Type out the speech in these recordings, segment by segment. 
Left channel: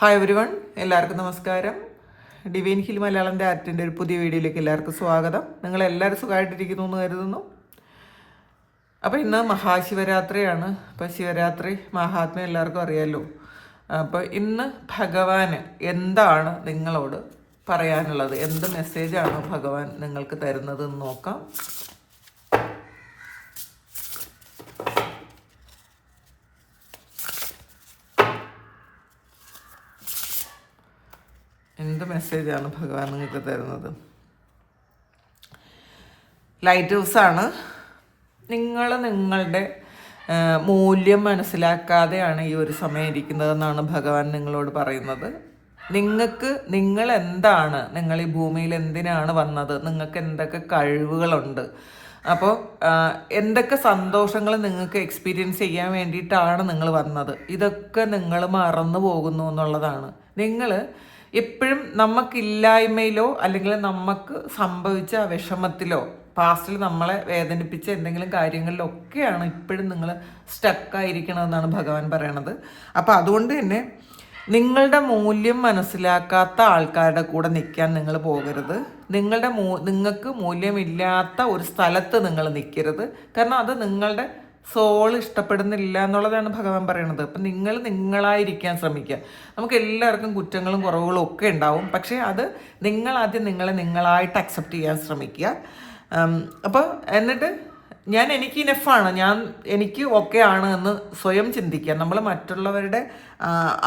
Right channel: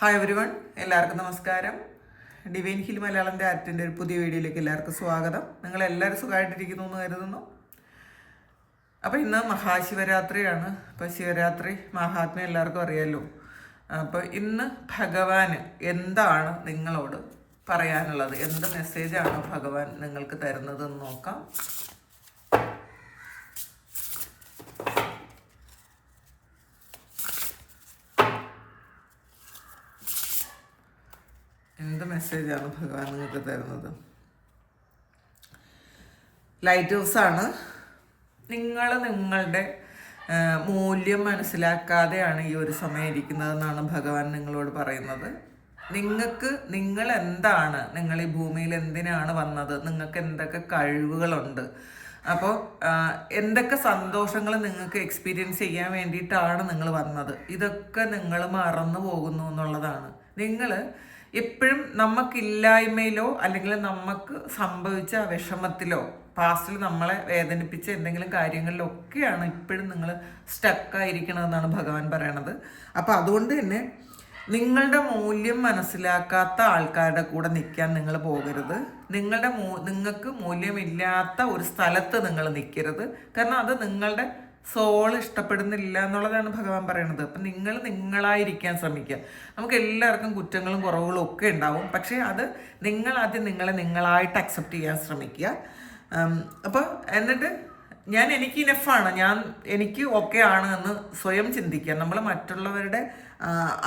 Hi everyone, എല്ലാവർക്കും നമസ്കാരം. Divine hill മലയാളൻ്റെ ആർട്ടിൻ്റെ ഒരു പുതിയ വീഡിയോയിലേക്ക് എല്ലാവർക്കും സ്വാഗതം. നിങ്ങളെല്ലാവരും സുഖമായിട്ടിരിക്കുന്നു എന്ന് കരുതുന്നു. അപ്പോൾ ഇന്ന് മഹാശിവരാത്രിയാണ്. അപ്പോൾ ശിവരാത്രി മഹാത്മ്യം എല്ലാവർക്കും അറിയാമല്ലോ. അപ്പോൾ ഇന്ന് ഭഗവാന് എന്താണ് നിങ്ങളോട് പറയാനുള്ളത്, എന്ത് മെസ്സേജാണ് ഭഗവാൻ നിങ്ങൾക്ക് തരുന്നത് എന്ന് നോക്കാം. എന്ത് മെസ്സേജാണ് ഭഗവാൻ നിങ്ങൾക്ക് തരുന്നത്? ലൈറ്റ് ഹൗസാണ്. നിങ്ങൾ നിങ്ങളുടെ മൂല്യം മനസ്സിലാക്കാതെയാണ് ഈ ഒരു സമയം ഇരിക്കുന്നതെന്നാണ് ഭഗവാൻ നിങ്ങളോട് പറയുന്നത്. നിങ്ങൾ എന്താണ്, നിങ്ങൾ ഈ ഭൂമിയിൽ എന്തിനാണ് വന്നത്, നിങ്ങൾക്ക് എന്തൊക്കെ കഴിവുകളുണ്ട്, അപ്പോൾ എന്തൊക്കെ സന്തോഷങ്ങൾ നിങ്ങൾക്ക് എക്സ്പീരിയൻസ് ചെയ്യാൻ വേണ്ടിയിട്ടാണ് നിങ്ങൾ വന്നത്, ഇതൊക്കെ നിങ്ങൾ മറന്നു പോകുന്നു എന്നുള്ളതാണ്. നിങ്ങൾ എപ്പോഴും നമുക്കില്ലായ്മയിലോ അല്ലെങ്കിൽ നമുക്ക് സംഭവിച്ച വിഷമത്തിലോ പാസ്റ്റിൽ നമ്മളെ വേദനിപ്പിച്ച എന്തെങ്കിലും കാര്യങ്ങളിലൊക്കെയാണ് ഇപ്പോഴും നിങ്ങൾ സ്റ്റക്കായിരിക്കണമെന്നാണ് ഭഗവാൻ പറയണത്. അപ്പം അതുകൊണ്ട് തന്നെ നിങ്ങളുടെ മൂല്യം മനസ്സിലാക്കാത്ത ആൾക്കാരുടെ കൂടെ നിൽക്കാൻ നിങ്ങൾ പോകരുത്. നിങ്ങൾക്ക് മൂല്യമില്ലാത്ത ഒരു സ്ഥലത്ത് നിങ്ങൾ നിൽക്കരുത്. കാരണം അത് നിങ്ങളുടെ സോൾ ഇഷ്ടപ്പെടുന്നില്ല എന്നുള്ളതാണ് ഭഗവാൻ പറയണത്. അപ്പം നിങ്ങൾ നിങ്ങളായിരിക്കാൻ ശ്രമിക്കുക. നമുക്ക് എല്ലാവർക്കും കുറ്റങ്ങളും കുറവുകളും ഒക്കെ ഉണ്ടാവും. പക്ഷേ അത് നിങ്ങളാദ്യം നിങ്ങളായിട്ട് അക്സെപ്റ്റ് ചെയ്യാൻ ശ്രമിക്കുക. അപ്പോൾ എന്നിട്ട് എനിക്ക് ഇനഫാണ്, എനിക്ക് ഓക്കെ ആണ് എന്ന് സ്വയം ചിന്തിക്കുക. നമ്മൾ മറ്റുള്ളവരുടെ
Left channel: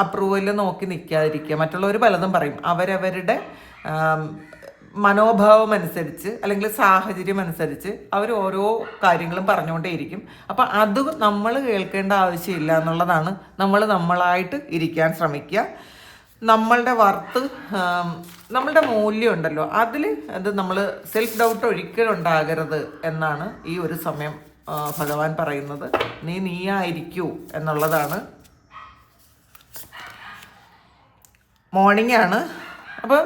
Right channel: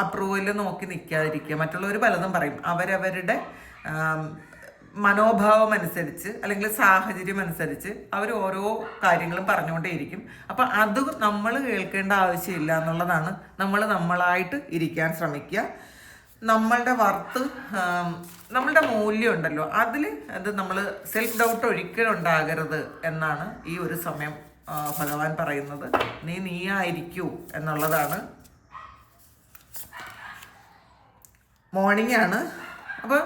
അപ്രൂവൽ നോക്കി നിൽക്കാതിരിക്കുക. മറ്റുള്ളവർ പലതും പറയും, അവരവരുടെ മനോഭാവം അനുസരിച്ച് അല്ലെങ്കിൽ സാഹചര്യം അനുസരിച്ച് അവർ ഓരോ കാര്യങ്ങളും പറഞ്ഞുകൊണ്ടേയിരിക്കും. അപ്പം അത് നമ്മൾ കേൾക്കേണ്ട ആവശ്യമില്ല എന്നുള്ളതാണ്. നമ്മളായിട്ട് ഇരിക്കാൻ ശ്രമിക്കുക. നമ്മളുടെ വർത്ത്, നമ്മളുടെ മൂല്യം ഉണ്ടല്ലോ, അത് നമ്മൾ സെൽഫ് ഡൗട്ട് ഒരിക്കലും ഉണ്ടാകരുത് എന്നാണ് ഈ ഒരു സമയം ഭഗവാൻ പറയുന്നത്. നീയായിരിക്കൂ എന്നുള്ളതാണ്. മോർണിംഗ് ആണ്. അപ്പം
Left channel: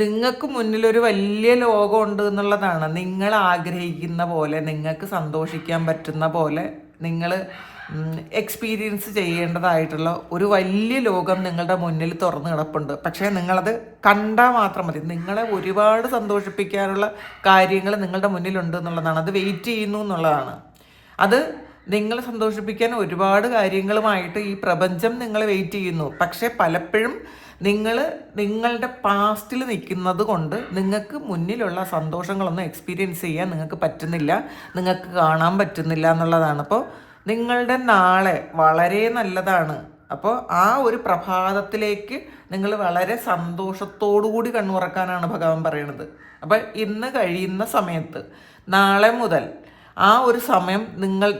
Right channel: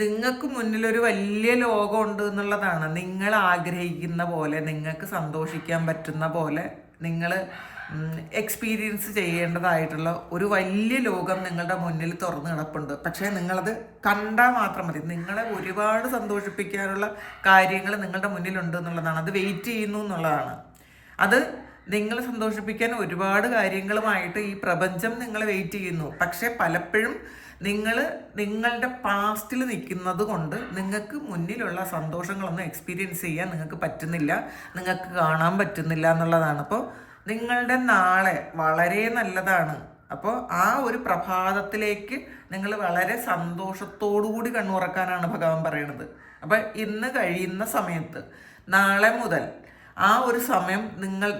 നിങ്ങൾക്ക് മുന്നിലൊരു വലിയ ലോകമുണ്ട് എന്നുള്ളതാണ്. നിങ്ങൾ ആഗ്രഹിക്കുന്ന പോലെ, നിങ്ങൾക്ക് സന്തോഷിക്കാൻ പറ്റുന്ന പോലെ നിങ്ങൾ എക്സ്പീരിയൻസ് ചെയ്യേണ്ടതായിട്ടുള്ള ഒരു വലിയ ലോകം നിങ്ങളുടെ മുന്നിൽ തുറന്നു കിടപ്പുണ്ട്. പക്ഷേ നിങ്ങളത് കണ്ടാൽ മാത്രം മതി. നിങ്ങളെ ഒരുപാട് സന്തോഷിപ്പിക്കാനുള്ള കാര്യങ്ങൾ നിങ്ങളുടെ മുന്നിലുണ്ട് എന്നുള്ളതാണ്. അത് വെയിറ്റ് ചെയ്യുന്നു എന്നുള്ളതാണ്. അത് നിങ്ങളെ സന്തോഷിപ്പിക്കാൻ ഒരുപാട് കാര്യങ്ങളുമായിട്ട് ഈ പ്രപഞ്ചം നിങ്ങളെ വെയിറ്റ് ചെയ്യുന്നു. പക്ഷേ പലപ്പോഴും നിങ്ങളുടെ പാസ്റ്റിൽ നിൽക്കുന്നത് കൊണ്ട് നിങ്ങൾക്ക് മുന്നിലുള്ള സന്തോഷങ്ങളൊന്നും എക്സ്പീരിയൻസ് ചെയ്യാൻ നിങ്ങൾക്ക് പറ്റുന്നില്ല, നിങ്ങൾക്ക് കാണാൻ പറ്റുന്നില്ല എന്നുള്ളതാണ്. അപ്പോൾ നിങ്ങളുടെ നാളെ വളരെ നല്ലതാണ്. അപ്പോൾ ആ ഒരു പ്രഭാതത്തിലേക്ക് നിങ്ങൾ വളരെ സന്തോഷത്തോടു കൂടി കണ്ണുറക്കാനാണ് ഭഗവാൻ പറയുന്നത്. അപ്പം ഇന്ന് കഴിയുന്ന സമയത്ത് നാളെ മുതൽ ആ ഒരു സമയം,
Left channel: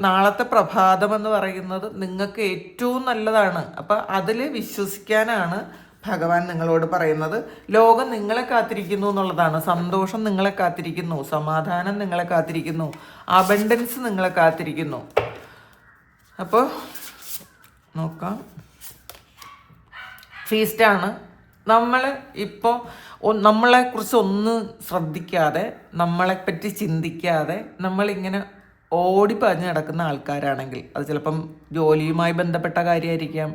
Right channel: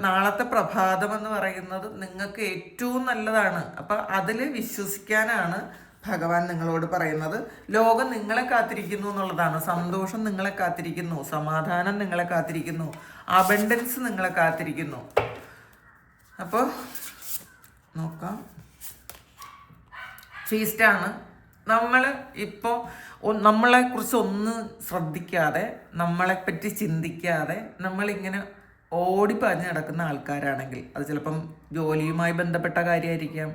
നാളത്തെ പ്രഭാതം എന്ന് പറയുന്നത് നിങ്ങൾക്ക് ഏറ്റവും നല്ലതാണ്. അപ്പം അതിൽ വിശ്വസിക്കാനാണ് ഭഗവാൻ നിങ്ങളോട് പറയുന്നത്. ലോകം നിങ്ങളെ കാത്തിരിക്കുന്നു എന്നുള്ളതാണ്. സന്തോഷം നിങ്ങളെ കാത്തിരിക്കുന്നു, സമാധാനം നിങ്ങളെ കാത്തിരിക്കുന്നു, അബണ്ടൻസ് നിങ്ങളെ കാത്തിരിക്കുന്നു. അപ്പോൾ നോക്കാം. ഫീസ്റ്റാണ്. ഇപ്പോൾ നമ്മളെക്കുറിച്ച് ഒന്നും ശ്രദ്ധിക്കാതെ, നമ്മളെപ്പറ്റി ചിന്തിക്കാതെ നമ്മളിങ്ങനെ ഓടിപ്പാഞ്ഞ് നടക്കുന്ന ആൾക്കാരാണെങ്കിൽ, അത് ചിലപ്പം ജോലിയുമായി ബന്ധപ്പെട്ട കാര്യമായിരിക്കാം,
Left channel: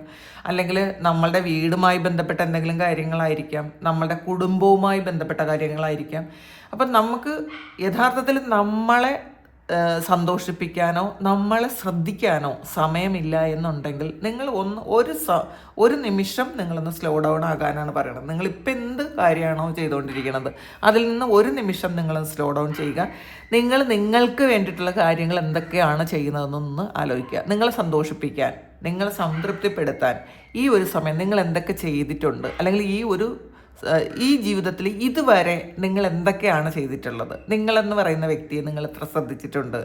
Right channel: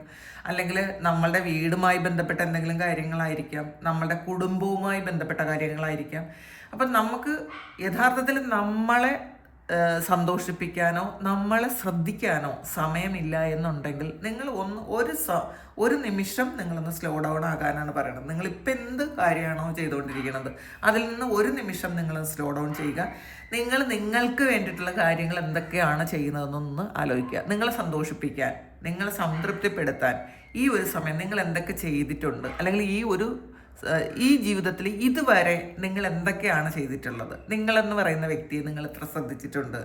അല്ലെങ്കിൽ നമ്മളുടെ വീടുമായി ബന്ധപ്പെട്ട എന്തെങ്കിലും കാര്യങ്ങളായിരിക്കാം, നമ്മളുടെ കുടുംബവുമായി ബന്ധപ്പെട്ട കാര്യങ്ങളായിരിക്കാം. അപ്പം നമുക്ക് യഥാർത്ഥത്തിൽ നമ്മളെ സന്തോഷിപ്പിക്കാനോ നമ്മളെ ശ്രദ്ധിക്കാനോ സമയമില്ല എന്നുണ്ടെങ്കിൽ നിങ്ങൾ ഒരു നിമിഷം നിങ്ങളൊന്ന് സ്ലോ ഡൗൺ ആകാനാണ് പറയുന്നത്. നിങ്ങളിപ്പോൾ എന്ത് കാര്യമാണോ ചെയ്തുകൊണ്ടിരിക്കുന്നത് അതിൽ നിന്ന് ഒരു നിമിഷം നിങ്ങൾ സ്ലോ ഡൗൺ ചെയ്യുക. നിങ്ങൾക്ക് വേണ്ടിയിട്ടുള്ള കാര്യങ്ങൾ എന്തൊക്കെയാണ് ചെയ്യുന്നതെന്നൊന്ന് ആലോചിക്കുക. നിങ്ങളെ സന്തോഷിപ്പിക്കാൻ, നിങ്ങളെ സംതൃപ്തിപ്പെടുത്താൻ ഈ ഒരു സമയം നിങ്ങൾ എന്തൊക്കെ ചെയ്തിട്ടുണ്ട്, അല്ലെങ്കിൽ ഈ ജീവിതത്തിൽ ഇതുവരെ നിങ്ങൾ എന്തൊക്കെയാണ് ചെയ്തിട്ടുള്ളത്, നിങ്ങളെന്ന് പറയുന്ന വ്യക്തിയെ നിങ്ങൾ എത്ര ശ്രദ്ധിച്ചിട്ടുണ്ട്,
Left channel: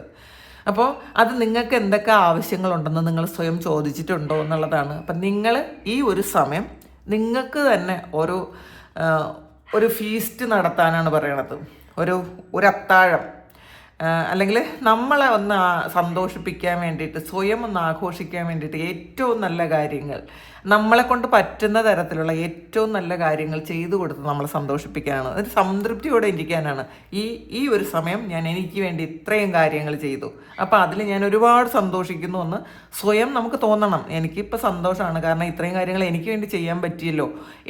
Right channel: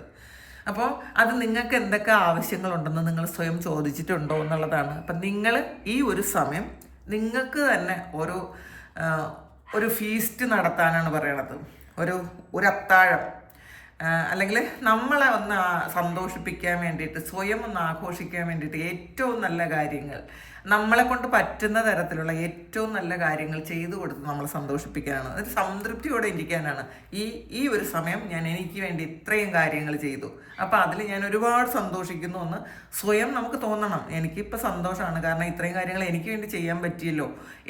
അപ്പോൾ അത് നിങ്ങൾക്ക് എന്തൊക്കെ ആവശ്യങ്ങളുണ്ടെന്ന് നിങ്ങൾ സ്വയം ചോദിച്ചിട്ടുണ്ടോ എന്നുള്ളതാണ്. അപ്പം നിങ്ങൾ ഈ ഒരു സമയം നിങ്ങൾക്ക് തന്നെ ഒരു ഫീസ്റ്റ് നടത്താനാണ് പറയണത്. ഒരു അത്താഴം, അല്ലെങ്കിൽ നമ്മളെ ഒന്ന് സന്തോഷിപ്പിക്കാൻ വേണ്ടിയിട്ട്, സ്വയം ഒന്ന് ആഘോഷിക്കാൻ വേണ്ടിയിട്ട് ഏറ്റവും നല്ല കാര്യങ്ങൾ നമ്മളെ കൊണ്ട് പറ്റുന്ന തരത്തിലുള്ള ഏറ്റവും നല്ല കാര്യങ്ങൾ ചെയ്തു കൊടുത്ത് നമ്മളെ സന്തോഷിപ്പിക്കാനാണ്, ഒരു സംതൃപ്തിയോടെ ഇരിക്കാനാണ്. ഈ ഒരു സമയം ഞാൻ എനിക്ക് വേണ്ടി ഇത്രയും കാര്യങ്ങൾ ചെയ്തു, അപ്പോൾ അതിൽ ഞാൻ ഒരുപാട് സന്തോഷിക്കുന്നു എന്ന് സ്വയം നമുക്ക് തോന്നണം. എനിക്കിപ്പോൾ സന്തോഷമാണ്, കാരണം ഇത്രയും കാര്യങ്ങൾ എനിക്ക് വേണ്ടി ചെയ്യാൻ പറ്റിയല്ലോ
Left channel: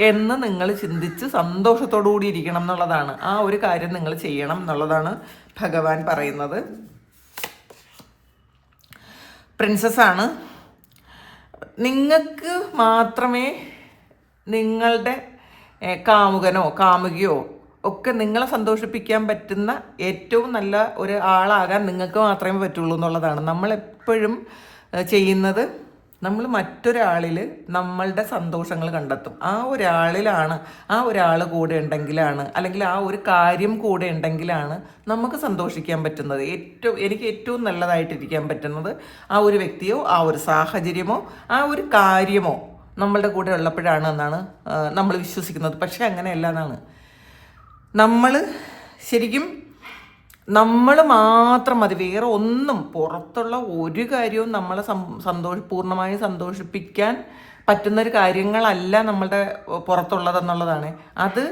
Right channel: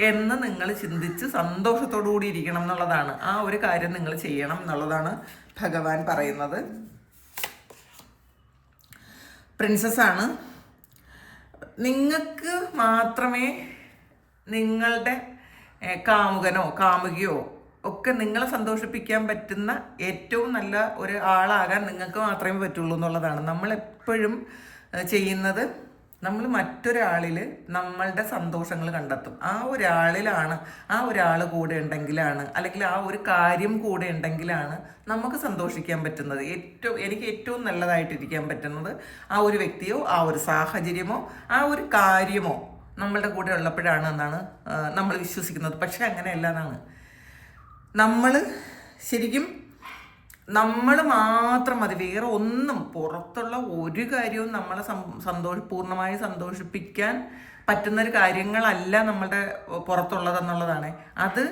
എന്ന് നിങ്ങൾ ചിന്തിച്ച് സന്തോഷത്തോടു കൂടി ഇരിക്കണം എന്നുള്ളതാണ്. ആ ഒരു കാര്യം നിങ്ങൾ ചെയ്യണം എന്നുള്ളതാണ് ഭഗവാൻ പറയുന്നത്. പ്രിൻസസ്സാണ്. നിങ്ങൾക്ക് മാത്രമേ നിങ്ങളുടെ കാമുകനോ കാമുകിയോ ഒക്കെ നിങ്ങളെ സന്തോഷിപ്പിക്കാൻ പറ്റുന്ന ഏറ്റവും നല്ല ഒരു ആളാകാൻ നിങ്ങൾക്ക് മാത്രമേ പറ്റുള്ളൂ എന്നുള്ളതാണ്. നമ്മളെപ്പോഴും ചെയ്യുന്നത്, നമ്മൾ മറ്റൊരാളിൽ നമ്മളുടെ സന്തോഷങ്ങൾ കണ്ടെത്തും. ആ ഒരാളിലാണ്, ആ ഒരാൾ കൂടെ ഉണ്ടെങ്കിലാണ്, അല്ലെങ്കിൽ ആ ഒരു കാര്യം കൂടെ ഉണ്ടെങ്കിലാണ് നമുക്ക് സന്തോഷിക്കാൻ പറ്റുന്നത്. എനിക്ക് ഏറ്റവും നല്ലതായിട്ടിരിക്കാൻ പറ്റുന്നത് ആ ഒരു വ്യക്തിയോ ആ ഒരു സാഹചര്യമോ ആ ഒരു കാര്യമോ നമ്മളുടെ കൂടെ ഉള്ളപ്പോഴാണ് എന്നാണ് നമ്മൾ വിശ്വസിക്കുന്നത്. പക്ഷെ അങ്ങനെയല്ല എന്നാണ്. നമ്മൾ ശരിക്കും നമ്മൾ മാത്രം മതി, വേറെ ഒന്നും പുറത്തുള്ള ഒരു കാര്യവും നമ്മളെ പൂർണ്ണമായി സന്തോഷിപ്പിക്കാൻ പറ്റുന്നൊരു കാര്യങ്ങളല്ല നമ്മളുടെ പുറത്തുള്ളതെന്നുള്ളതാണ്. അത്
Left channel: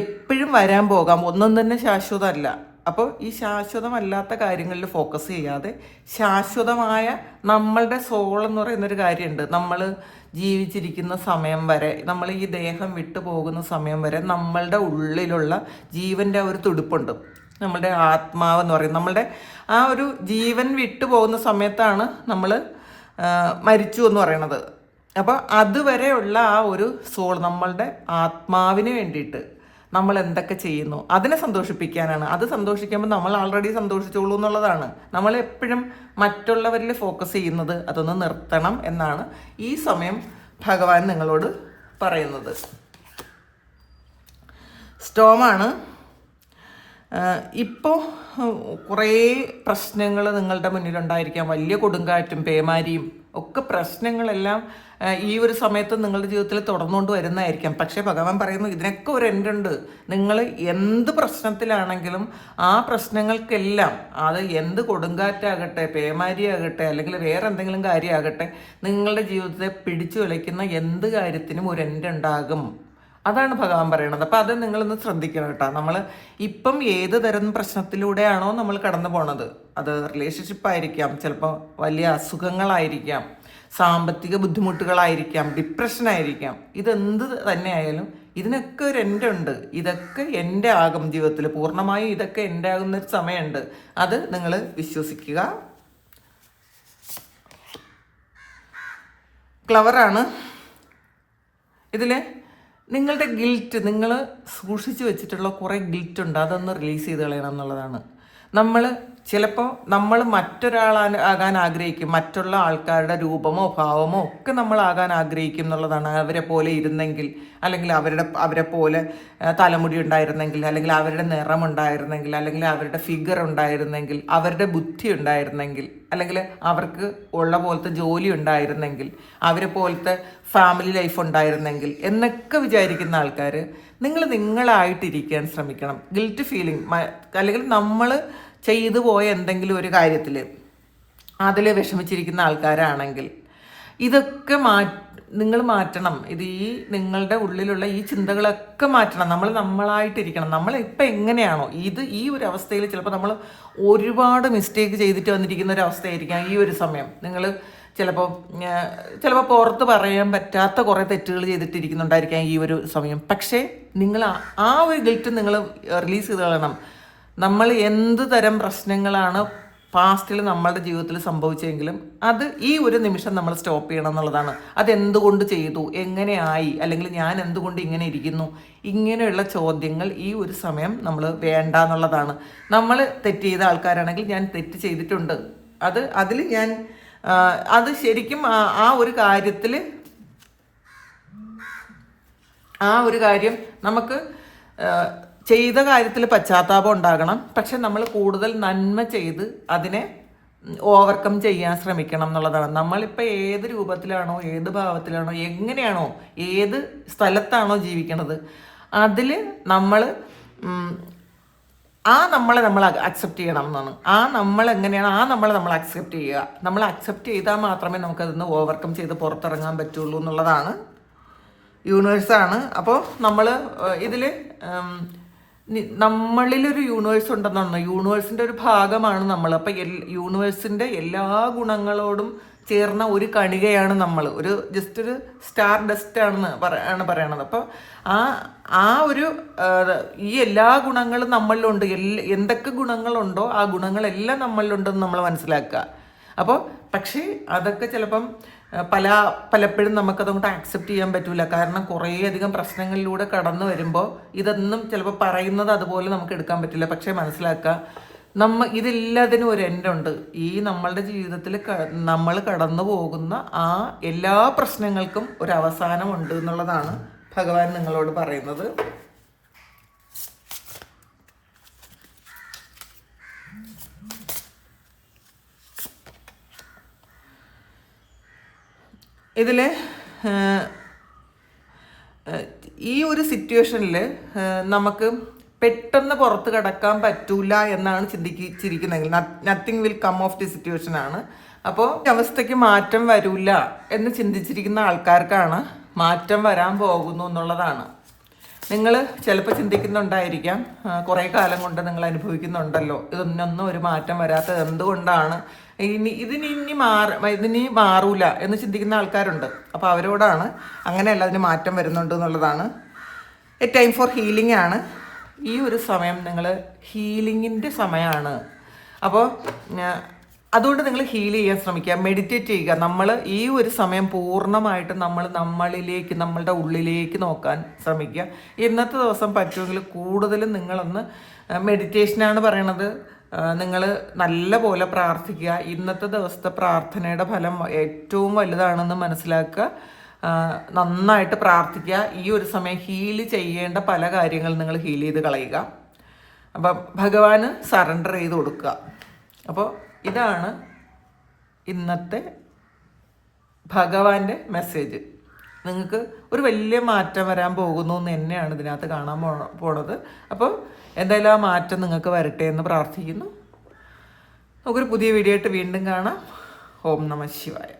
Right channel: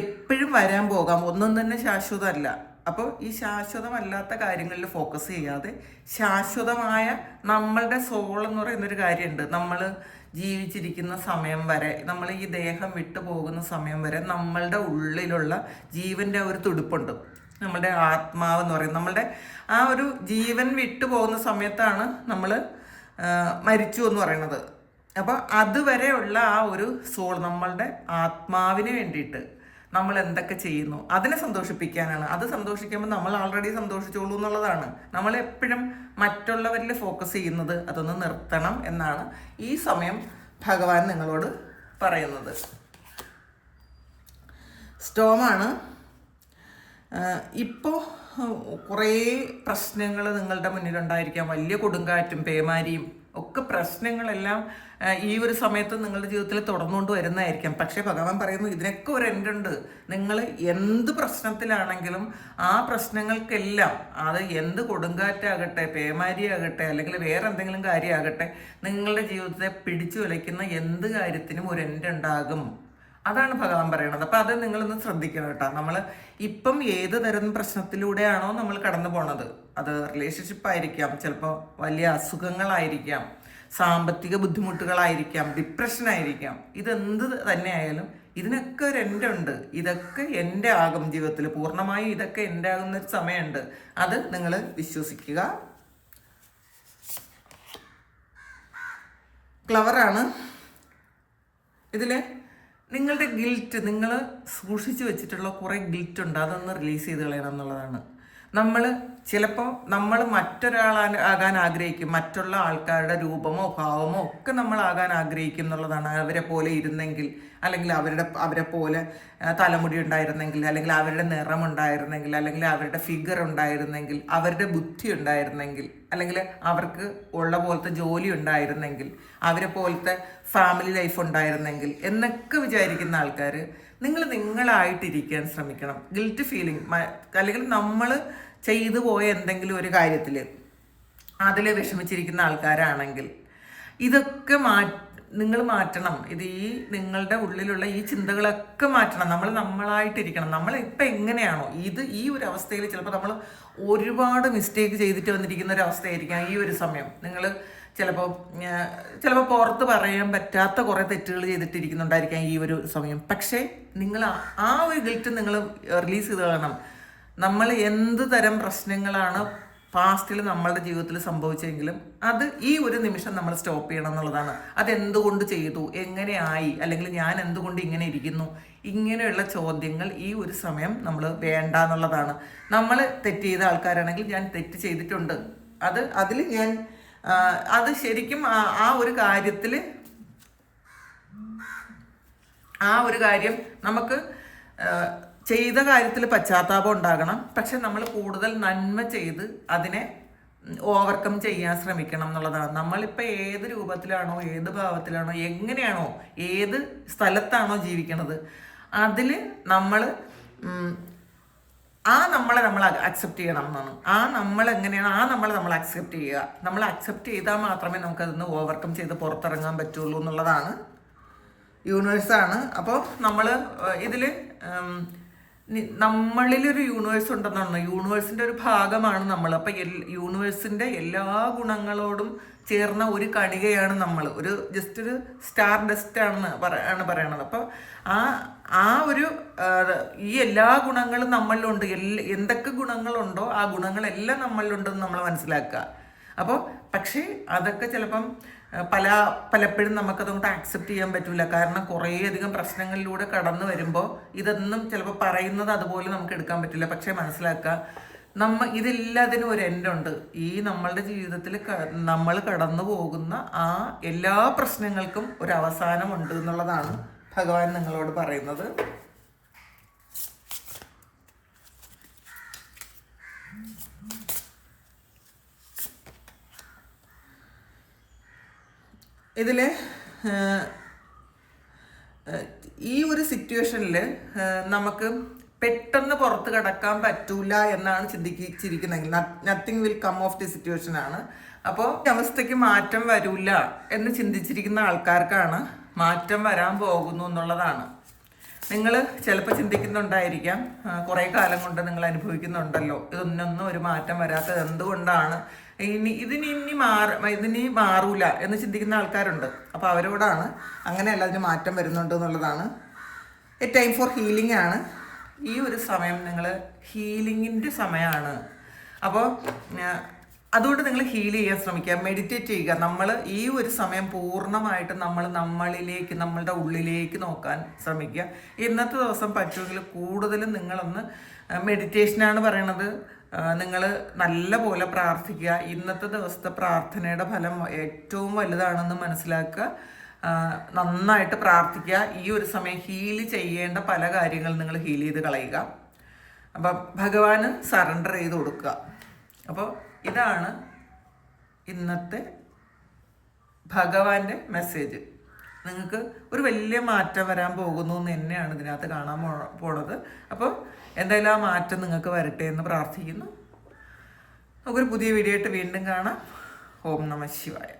എപ്പോഴും വരാൻ പോകാം, ഒന്നും തന്നെ ശാശ്വതമല്ല. അപ്പോൾ ഈ ശാശ്വതമല്ലാത്ത കാര്യങ്ങളിൽ ഫോക്കസ് ചെയ്യാതെ ശാശ്വതമായ നമ്മളുടെ സോൾ എന്ന് പറയുന്നൊരു കാര്യമുണ്ട്. നമ്മൾ ജീവിച്ചിരിക്കുന്ന സമയം വരെ, നമ്മൾ ഈ ദേഹം വിട്ടു പോകുന്ന സമയം വരെ നമ്മളുടെ ഉള്ളിലുള്ള ജീവൻ്റെ ഒരു തുടിപ്പുണ്ട്. നമ്മളുടെ ആത്മാവെന്ന് പറയും, നമ്മളുടെ ആ ഒരു ജീവൻ വിട്ടു പോകുന്ന സമയത്താണ് നമ്മൾ മരിച്ചു എന്ന് പറയുന്നത്. അപ്പോൾ അതുവരെയുള്ള ആ ഒരു സോൾ, നമ്മളുടെ ആത്മാവിന് വേണ്ടിയിട്ട് നമ്മൾ എന്തൊക്കെ ചെയ്യുന്നു അതിനെ സന്തോഷിപ്പിക്കാനാണ്. അത് സന്തോഷിക്കുമ്പോൾ നമ്മൾ ആൾറെഡി സന്തോഷിച്ചോളൂ എന്നുള്ളതാണ്. നമ്മൾ എപ്പോഴും മറ്റുള്ളവരിൽ ഫോക്കസ് ചെയ്യുന്നത് അതൊന്ന് നിർത്തണം എന്നാണ് ഈ സമയം ഭഗവാൻ നിങ്ങളോട് പറയുന്നത്. സ്റ്റോമാണ്. ഇപ്പോൾ കുറേ പ്രശ്നങ്ങൾ നിങ്ങളുടെ മുന്നിലുണ്ടായിരിക്കാം, വലിയ കൊടുങ്കാറ്റും പേമാരിയും ഒക്കെ പ്രശ്നങ്ങളെല്ലാം ഈ ഒരു സമയത്ത് നിങ്ങളുടെ ജീവിതത്തിൽ തുടർന്നുകൊണ്ട് വരുന്നതായിരിക്കാം. പക്ഷേ ഭഗവാൻ പറയുന്നു ഇതിനൊക്കെ ഒരു എൻഡുണ്ട്. നിങ്ങൾ എന്ത് പ്രശ്നത്തിലാണെങ്കിലും ആ പ്രശ്നങ്ങൾക്കെല്ലാം, അത് എന്ത് കൊടുങ്കാറ്റാകട്ടെ, പേമാരിയാകട്ടെ, അല്ലെങ്കിൽ വേറെ എന്തെങ്കിലും കാര്യമാകട്ടെ, നിങ്ങളുടെ ജീവിതത്തെ പിടിച്ചു വിളിക്കുന്ന എന്ത് കാര്യത്തിനും ഒരു എൻഡുണ്ടാകും. അതാണ് ഭഗവാൻ പറയണത്. അപ്പം അത് നിങ്ങളൊന്ന് ശ്രദ്ധിക്കണം കേട്ടോ. നമ്മൾ ഇപ്പം ഏത് തരം പ്രശ്നത്തിലൂടെയാണോ നമ്മൾ കടന്നു പോണത്, അത് റിലേഷൻഷിപ്പ് ആയിരിക്കാം, ചിലപ്പോൾ വലിയ അസുഖങ്ങളായിരിക്കാം, സാമ്പത്തിക ബുദ്ധിമുട്ടുകളായിരിക്കാം, ഡിപ്രഷനായിരിക്കാം, ഇതെന്ത് തന്നെ ആയാലും ഇതിനൊക്കെ ഒരു എൻ്റെ ഉണ്ട്. ഇതൊക്കെ എൻ്റെ ആകും ജീവിതത്തിൽ, പൂർണ്ണമായും ഇതൊക്കെ എൻ്റെ ആകുന്നൊരു സമയമുണ്ട്. അത് നിങ്ങൾ വിശ്വസിക്കുക. ക്ലവറാണ്. ഇതിൽ നിങ്ങളുടെ ഗിൽറ്റ്, നിങ്ങൾ സൂക്ഷിച്ചു വെച്ചിട്ടുള്ള കുറേ ഗിൽറ്റ് ഉണ്ട്, അതൊന്ന് റിലീസ് ചെയ്ത് കളയണം എന്നുള്ളതാണ്. നമ്മൾ ചിലപ്പോൾ മറ്റൊരാളാകാൻ ആഗ്രഹിക്കും, മറ്റുള്ള ആൾക്കാരുടെ രൂപമോ ഭാവമോ ഒക്കെ നമ്മൾ ആകാൻ ആഗ്രഹിക്കും എന്നുള്ളതാണ്. അവരെ പോലെ ഇരുന്നെങ്കിൽ, അല്ലെങ്കിൽ അവരെ പോലെ തലമുടി ഉണ്ടായിരുന്നെങ്കിൽ, അല്ലെങ്കിൽ അവരുടെ നിറമുണ്ടായിരുന്നെങ്കിൽ, അല്ലെങ്കിൽ അവരുടെ ഫിഗർ ഉണ്ടായിരുന്നെങ്കിൽ, അവരുടെ ബുദ്ധി ഉണ്ടായിരുന്നെങ്കിൽ, അല്ലെങ്കിൽ അവർക്ക് ഉള്ള പോലത്തെ ജോലി ഉണ്ടായിരുന്നെങ്കിൽ, അവരെ പോലത്തെ ഫാമിലി ലൈഫ് ഉണ്ടായിരുന്നെങ്കിൽ എന്നൊക്കെ വിചാരിക്കുന്ന ആൾക്കാർ, നിങ്ങളായിട്ടിരിക്കാൻ ശ്രമിക്കണം. ഗിൽറ്റ് ഫീലിംഗ്, അല്ലെങ്കിൽ നമ്മൾ ചെയ്തു പോയ എന്തെങ്കിലും ഒരു കാര്യത്തിൽ അതിൽ വിഷമിച്ചിരിക്കുന്ന ആൾക്കാരാണെങ്കിൽ ഇതൊക്കെ നിങ്ങൾ മാറ്റണം. ഇത് നിങ്ങളുടെ ഉള്ളിലുള്ള ഈ ചിന്തകളൊക്കെ മാറ്റണം. നമ്മളായിട്ടിരിക്കണം. നമ്മളിപ്പോൾ എങ്ങനെയാണോ ഈ ഒരു അവസ്ഥയിൽ ചിലപ്പോൾ നമ്മൾ ഒരുപാട് മിസ്റ്റേക്ക് ചെയ്തിട്ട് വന്നിരിക്കുന്ന ഒരു അവസ്ഥയായിരിക്കാം ഈ ഒരു സമയം. നിങ്ങൾ ചിലപ്പോൾ പുറത്ത് പറയാൻ പറ്റാത്ത കുറേ തെറ്റുകൾ ചെയ്തിട്ടിരിക്കുന്നുണ്ടായിരിക്കാം ഈ ഒരു സമയം. പക്ഷേ നിങ്ങൾ ആ ഒരു ഗിൽറ്റ് നിങ്ങൾ റിലീസ് ചെയ്ത് കളയണം. നമ്മൾ എന്ത് തരം പ്രശ്നങ്ങളാണ് പാസ്റ്റിൽ നമ്മളുടെ ജീവിതത്തിൽ സംഭവിച്ചെങ്കിലും അത് ഈ ഒരു നിമിഷം നമ്മൾ സ്റ്റോപ്പ് ചെയ്യണം എന്നുള്ളതാണ്. അതെന്തുകൊണ്ട് ചെയ്തു, എങ്ങനെയായി, അല്ലെങ്കിൽ ഞാൻ എന്തുകൊണ്ട് ഇങ്ങനെ ഇരിക്കുന്നു, ഇങ്ങനെയുള്ള ചോദ്യങ്ങൾ ഈ ഒരു സമയം നമ്മൾ വേണ്ട എന്നുള്ളതാണ്. നമ്മൾ തെറ്റ് ചെയ്ത ആൾക്കാരാണെങ്കിൽ ഞാൻ തെറ്റ് ചെയ്തിട്ടുണ്ട്, അതിൽ ഞാൻ അത് ശരിക്കും ആ ഒരു കാര്യം നമുക്ക് ചെയ്ത കാര്യത്തിൽ പശ്ചാത്താപം ഉണ്ടാകണം. പക്ഷെ നമ്മൾ കൂടുതൽ നന്മ ചെയ്ത് അതിനെ ഓവർകം ചെയ്യാൻ ശ്രമിക്കണം എന്നുള്ളതാണ്. നമ്മളിപ്പോൾ ഏത് രൂപത്തിലാണോ, ഏത് ഭാവത്തിലാണോ, എങ്ങനെയാണോ, ഏത് സ്ഥലത്താണോ ജീവിക്കണത്, അതിൽ നമ്മൾ നമ്മളെ നമ്മൾ അക്സെപ്റ്റ് ചെയ്യണം എന്നാണ്. നമ്മൾ എങ്ങനെയാണ് നമ്മൾ അക്സെപ്റ്റ് ചെയ്യുക. നമ്മൾ അക്സെപ്റ്റ് ചെയ്താൽ മാത്രമേ നമുക്കതൊന്ന് ഓവർകം ചെയ്ത് പുറത്തിറങ്ങാൻ പറ്റുള്ളൂ എന്നുള്ളതാണ് യൂണിവേഴ്സാണ്. അപ്പോൾ നമ്മൾ ഇതിൽ നമ്മളിലൊരു യൂണിവേഴ്സ് ഉണ്ടെന്നാണ്, യൂണിവേഴ്സിൻ്റെ ഒരു ഭാഗമാണ് നമ്മൾ. അപ്പം യൂണിവേഴ്സിൻ്റെ എല്ലാ ഗുണങ്ങളോടും ചേർന്ന ഒരു കണികയാണ് നമ്മൾ, ഒരു ജസ്റ്റ് ഒരു സ്റ്റാർ ഡസ്റ്റ് ആണ് പറയണത്. അപ്പോൾ ആ ഒരു ഈ എല്ലാ ഗുണങ്ങളും നമ്മളിലുണ്ട്. എന്തൊക്കെ ഗുണങ്ങളുണ്ടോ ആ ഗുണങ്ങളെല്ലാം നമ്മളിലുണ്ടെന്ന് നമ്മൾ മനസ്സിലാക്കുക. അപ്പോൾ പക്ഷേ അതൊക്കെ ചിലപ്പം പലപ്പോഴും നമുക്കതുകൊണ്ട് ആക്സെപ്റ്റ് ചെയ്യാൻ പറ്റില്ല. കാരണം കുറേയധികം പ്രശ്നങ്ങളിലൂടെ കടന്നു വരുമ്പോൾ ഇതൊന്നും ചിലപ്പോൾ പറയുന്നത് അതുപോലെ നമുക്ക് എടുക്കാൻ പറ്റില്ല. പക്ഷേ മനസ്സിലാക്കുക, ഇതില്ലാതിനും ഒരു എൻഡുണ്ട്. ഈ നമ്മളുടെ ജീവിതത്തിൽ നമ്മൾ കടന്നു പോകുന്ന ആ എല്ലാ പ്രശ്നങ്ങൾക്കും ഒരു അവസാനമുണ്ട് എന്നുള്ളതാണ് ഭഗവാൻ നിങ്ങളോട് പറയുന്നത്. ഇതിൽ ഈ ഒരു സിറ്റുവേഷനിൽ നമുക്ക് പെട്ടെന്ന് പുറത്ത് കടക്കാൻ പറ്റൂല എന്നാണ് ചിന്തിച്ചിരിക്കുന്നതെങ്കിൽ nothing will come of the situation ആണ്. അപ്പോൾ അവസ്ഥയ്ക്ക് മാറ്റം വരില്ല എന്ന് ചിന്തിച്ചിരിക്കുന്ന ആൾക്കാർക്കാണ് മാറ്റം വരാൻ പോകുന്നു എന്നുള്ളതാണ്. നിങ്ങൾ ചിലപ്പോൾ ചിന്തിക്കുന്നുണ്ടായിരിക്കാം, കുറേ കാലം കൊണ്ട് നിങ്ങൾ അനുഭവിക്കുന്നുണ്ടല്ലോ, ഇതൊന്നും ഒരു മാറ്റം വരാത്തത് എന്തുകൊണ്ടാണ്, ഇതിനി മാറൂല എന്ന് ചിന്തിക്കുന്ന ആൾക്കാരുണ്ട്. അപ്പോൾ അവരോടാണ് അങ്ങനെയല്ല, അതിന് മാറ്റം വരുന്നുണ്ട് എന്നുള്ളതാണ്. എ ടൈം ഫോർ ഹീലിംഗ് ആണ് ഈ ഒരു സമയം. നിങ്ങൾ ഹീലിങ്ങിൻ്റെ സമയമാണ്. അപ്പോൾ അതുകൊണ്ട് നിങ്ങൾ ഹീൽ ചെയ്യാൻ ശ്രമിക്കുക, മെഡിറ്റേറ്റ് ചെയ്യുക. നമ്മൾ ഈ ഒരു സമയം പൂർണ്ണമായിട്ട് നമ്മളിലേക്ക്, നമ്മളുടെ ഉള്ളിലേക്ക് നോക്കാൻ ശ്രമിക്കുക. ഇന്നത്തെ ദിവസം പറ്റുമെങ്കിൽ കൂടുതലും നിങ്ങളൊന്ന് മെഡിറ്റേഷനാണ് പറയണത്, നിങ്ങൾ നല്ല പോലെ പ്രാർത്ഥിക്കുക. ഇന്നത്തെ ദിവസത്തെ പ്രാർത്ഥനയുടെ ഫലം ഏറ്റവും വലുതാണെന്ന് മനസ്സിലാക്കുക. നന്നായിട്ട് പ്രാർത്ഥിക്കുക. ഈ ഒരു സമയം ഹീൽ ചെയ്യേണ്ട പല കാര്യങ്ങൾ നിങ്ങൾ ഹീൽ ചെയ്ത് കളയുക. അപ്പം ഭഗവാന് സറണ്ടർ ചെയ്ത് കൊടുക്കുക. അപ്പോൾ ഇതാണ് ഇന്നത്തെ ഭഗവാന്റെ മെസ്സേജ്. നിങ്ങൾക്ക് ഒരു വലിയ മാറ്റം വരാൻ പോകുന്നു എന്ന് തന്നെയാണ് ഇതിനകത്ത് കാണാൻ പോണത്. അപ്പോൾ എന്തായാലും ആ മാറ്റം നിങ്ങൾക്ക് വരട്ടെ എന്ന് പ്രാർത്ഥിക്കുന്നു. നമുക്കൊരു പുതിയ വീഡിയോ ആയിട്ട് വീണ്ടും കാണാം. ഓം നമഃ ശിവായ.